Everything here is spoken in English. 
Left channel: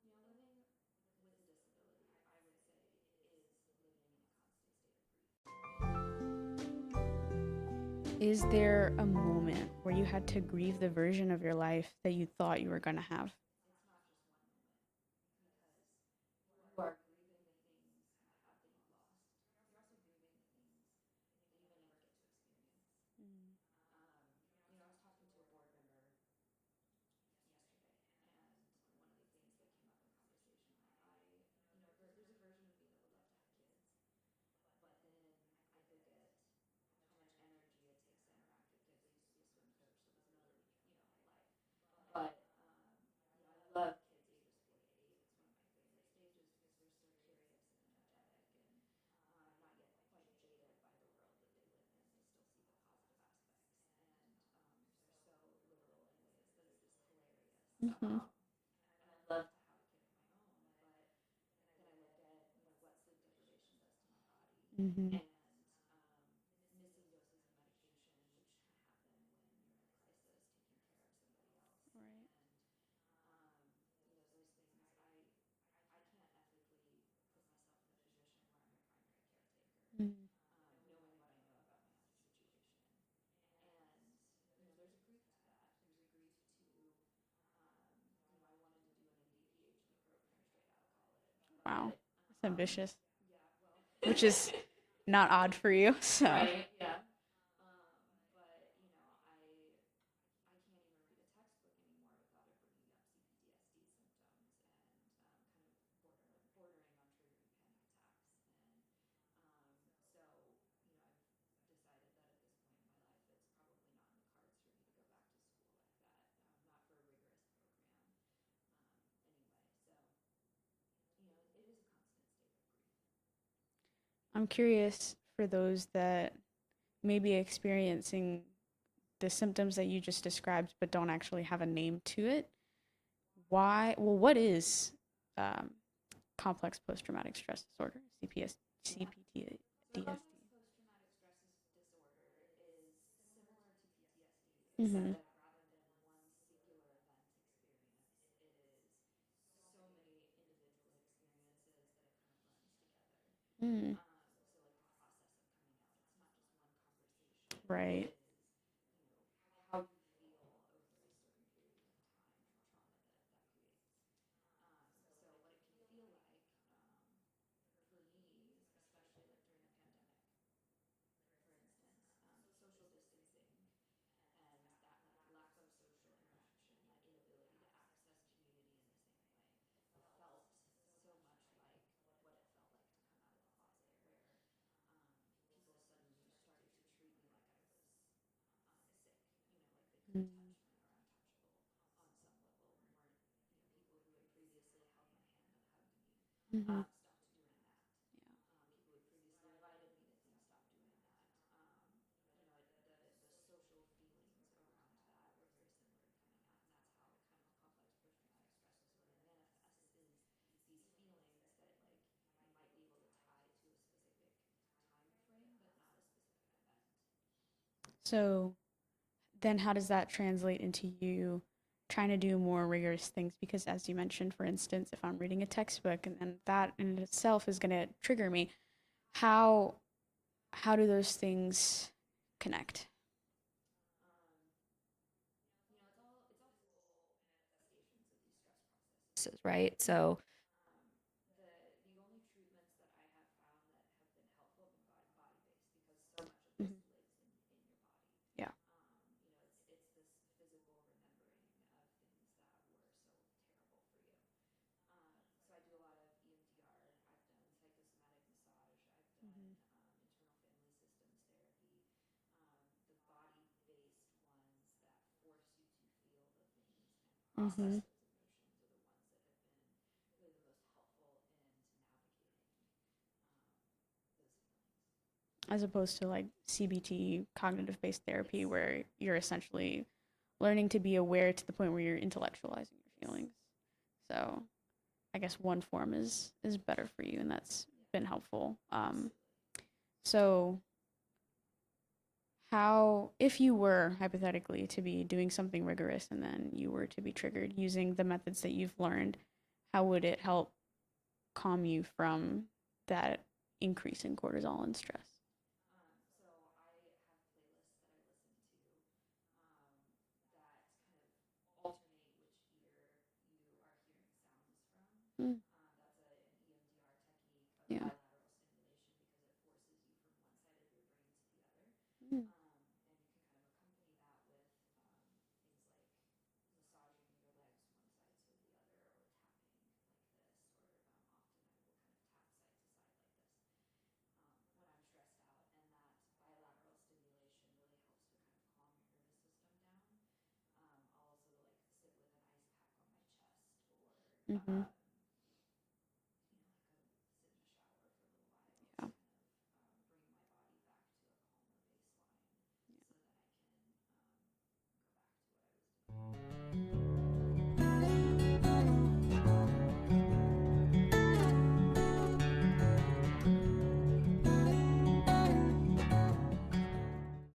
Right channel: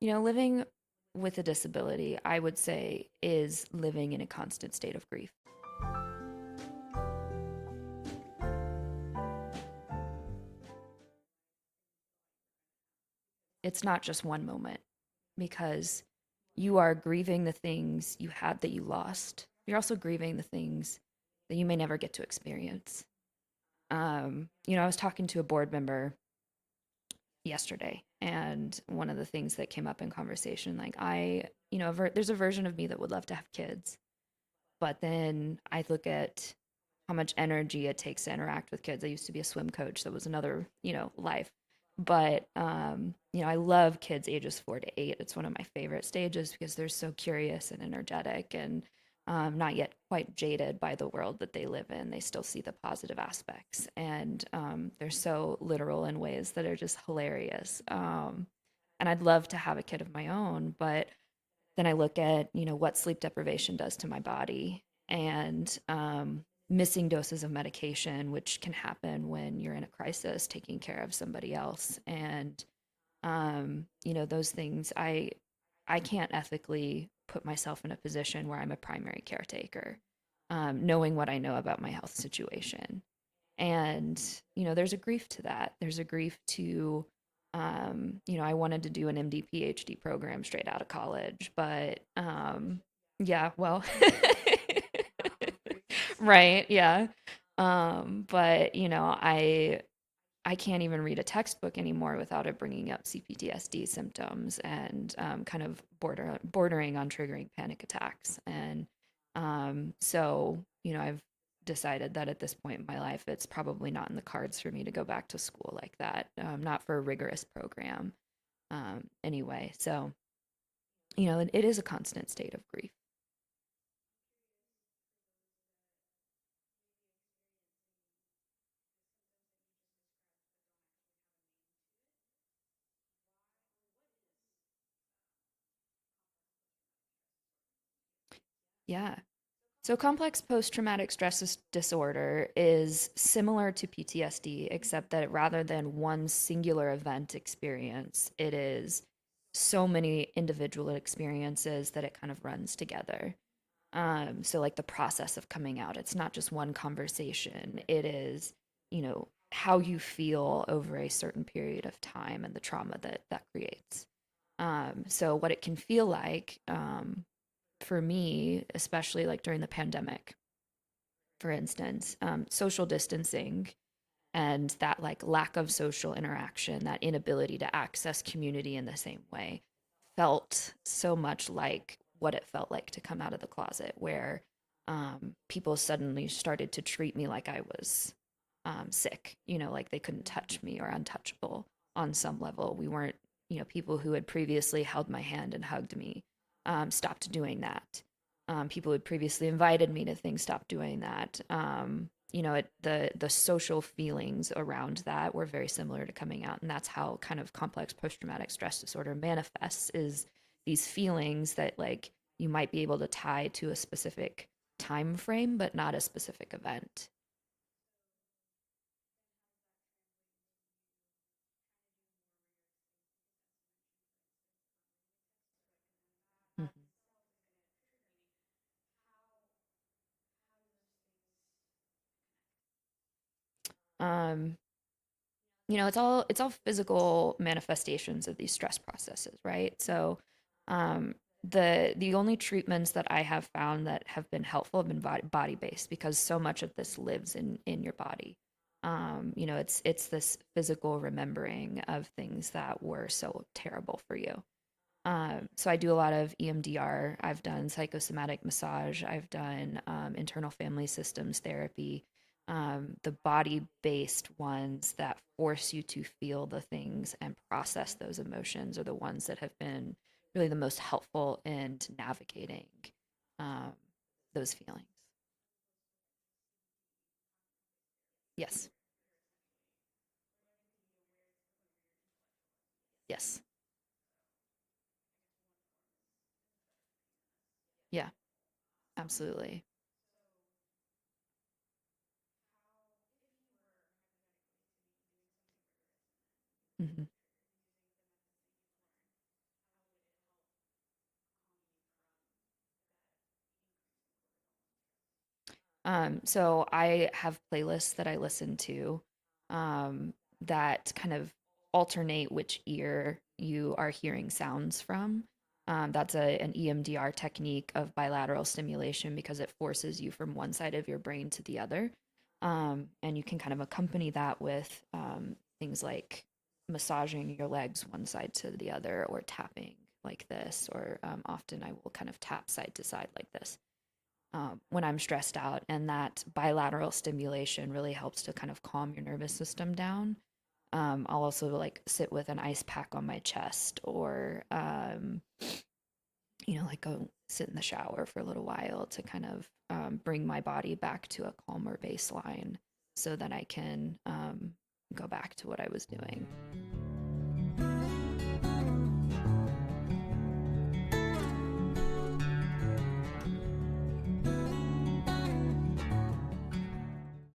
Living with a disability, I would say, is living in a constant state of grief. Is there a moment where you had to grieve the version of your life that you thought you were going to have? It's not just one moment because you are grieving the things you had that you lost. You're also grieving the things that you may never get to experience. I was talking to a board member yesterday, and one of the things that came up in conversation, like there's a version of me that would love to have kids, but then I look at how much energy it takes to interact with kids. I used to be a swim coach, so it was another, life. But I love kids ages 4 to 8. It's one of my favorite stages because they're so curious and energetic and not yet quite jaded by the world that they live in. They still see the positive aspects, and they're so literal in ways that are just hilarious. Mm-hmm. And I'd love to have a kid of my own, but then I look at, what sleep deprivation does to my body Mm-hmm. and missing doses of medication, which can happen when you're in a crisis taking care of somebody else. And, those things, I can't ethically put myself in a position where I'm a primary caretaker, knowing what I know about my health situation. And, there's a grief to that. There's a grief to, I wanted to do an MD PhD program straight out of college, Wow. but It's ambitious, yeah, well, which is not odd for you. So, right, yeah. But I can't even read a textbook anymore without it bringing up CPTSD symptoms and kind of bordering on triggering panic attacks. And so, I've decided that at this point in my life, it's probably not in the cards for me to go back to school like that, not for a rigorous program anyway. So, it is a constant state of grief. I'm curious for those that may be experiencing the symptoms that you just described but don't actually have a name to it. Why? Well, what is um, complex post traumatic stress disorder, CPS, Yeah. CPTSD? So, complex post traumatic stress disorder is similar to PTSD, except Mm-hmm. that rather than one singular event experience, it is so many individual experiences that it kind of runs together. Mm. So, like the process of coming out, it's not just one conversation, it Right. is, how you feel over a certain period of time and the trauma that that creates. So, what it can feel like for me, especially like during the pandemic, for instance, social distancing and that like lack of social interaction, that inability to access community in the same way felt so much like what it felt like to come out of the closet, where people suddenly started to treat me like I was sick, like they couldn't touch me or untouchable on some level. We weren't, people who had previously held my hand and hugged me Mm-hmm. stopped doing that. People who had previously invited me to things stopped doing that. The social feelings around that were very similar to coming out, and that's how kind of complex post traumatic stress disorder manifests. Is these feelings that like you might be able to tie to a specific time frame, but not a specific event. So then how does that translate into you trying to do more rigorous things? Because as you mentioned, for instance, if I'm reading a textbook and that in itself is going to trigger me, how how do those things connect? Um, it's all physical manifestations of these stress processes, right? So, um, the only treatments that I have found that have been helpful have been body based because so much of this lives in your body. Yeah. It's this physical remembering of things that were so terrible for you. So I do a lot of EMDR. I've done psychosomatic massage. I've done internal family systems therapy. The body based ones that force you to feel the things and Mm-hmm. process those emotions are the ones that have been really the most helpful in navigating um, those feelings. As opposed to like CBT, cognitive based therapy, Yes. where you're essentially learning to be aware to the point where you're intellectualizing your feelings. Yes. So I guess one form is better for you, and that's been Yeah, helpful. absolutely. So how, if you were hypothetically to be doing something rigorous and then you were to Hmm. be triggered using the methods that you've learned, how would it help calm you from that increase in cortisol and stress? So I have playlists that I listen to um, that kind of alternate which ear you are hearing sounds from. Mm. That's an EMDR technique of bilateral stimulation because it forces you from one side of your brain to the other. Mm. And you can kind of accompany that with things like massaging your legs one side to the other or tapping like this, or often I will kind of tap side to side like this when I'm stressed out. And that bilateral stimulation really helps to kind of calm your nervous system down. I'll also like sit with an ice pack on my chest or, Mm-hmm. like go sit in the shower for a little while to kind of bring my body back to a calmer baseline so that I can go back to what I was doing.